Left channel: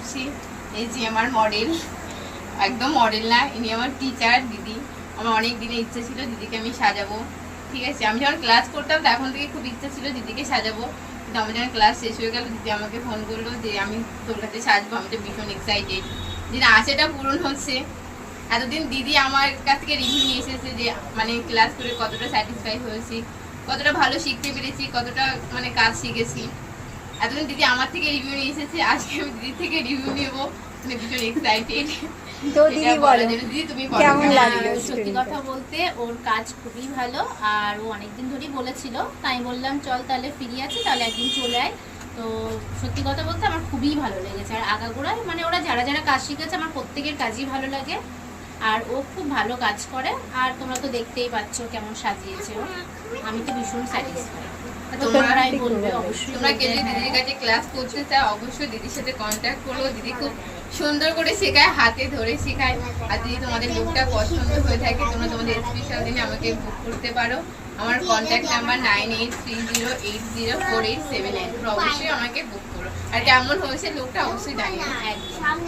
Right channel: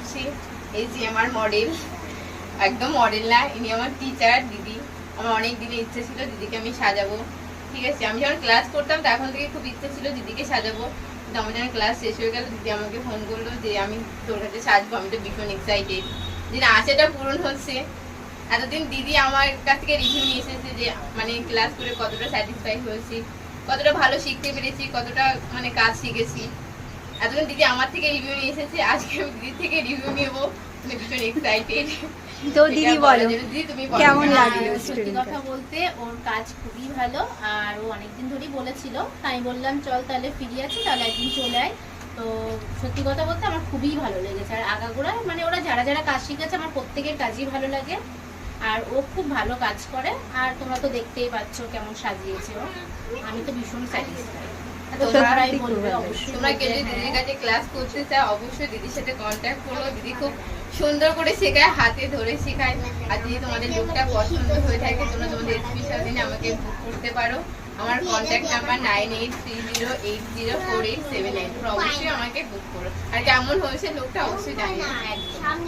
করছি। এই যে আমার মডেল, একদম মডেল না, ইনি আমার টিচার দিদি। আমার অনেক দিনের ইচ্ছে ছিল দিদিকে আমি সাজাবো, ঠিক আছে। আমি যখন ক্লাস করতাম তখন থেকে খুব ইচ্ছে ছিল দিদিকে সাজাবো, কিন্তু আমার যখন ক্লাস শেষ হয়ে গেল দিদি আমাকে ফোন করলো যে আমি তোর কাছে সাজবো। আমি তো ভীষণ এক্সাইটেড যে আশাটা পূরণ হচ্ছে। এতদিন দিদি আমার কাছ থেকে রিভিউ নিয়ে এসেছে যে মানে ক্লাস করে কতটা স্যাটিসফাই হয়েছি, কতটা ভালো শিখতে পেরেছি, কতটা মানে কাজ শিখেছি। এতদিন দিদি আমার থেকে রিভিউ নিয়ে এসেছে, আজকে আমি দিদি থেকে রিভিউ নেবো, মানে ভীষণ এক্সাইটেড। তো দিদি বলো কেমন লাগলো? সত্যি কথা বলতে ওর কাজ খুবই ভালো, আর ও অনেকদিন ধরেই বলেছিল, তাই বললাম চল তাহলে ফ্রি আছে তাহলে একদিন চলে আয়। তো সত্যি কথা বলতে আমার খুবই ভালো লেগেছে। আর আগাগোড়ায় মানে ওরা যারা যারা কাজ শিখেছে আমার প্রত্যেকের কাজই ভালো লাগে, আর ও খুব ভালো কাজ করে। আর তোমরা তো দেখতেই পাচ্ছ কেমন সাজিয়েছে ও, আমি তো ভীষণ স্যাটিসফাই। তোমরাই বলবে অবশ্যই, তোমরা গেলে দিদির কাছে ক্লাস করতে চাও অবশ্যই দিদির সাথে কন্ট্যাক্ট করো। দিদি খুব সুন্দর করে শেখায়, হাতে ধরে শেখায়। আর যদি তোমাদের লুকটা পছন্দ হয়ে থাকে তোমরা তোমাদের স্পেশাল দিনে আমাকে বুক করতে পারো। আমার কন্ট্যাক্ট নাম্বার 9830804879। তোমরা অবশ্যই আমাকে বুক করো। আর কেমন হয়েছে লুকটা অবশ্যই জানিও। একদম।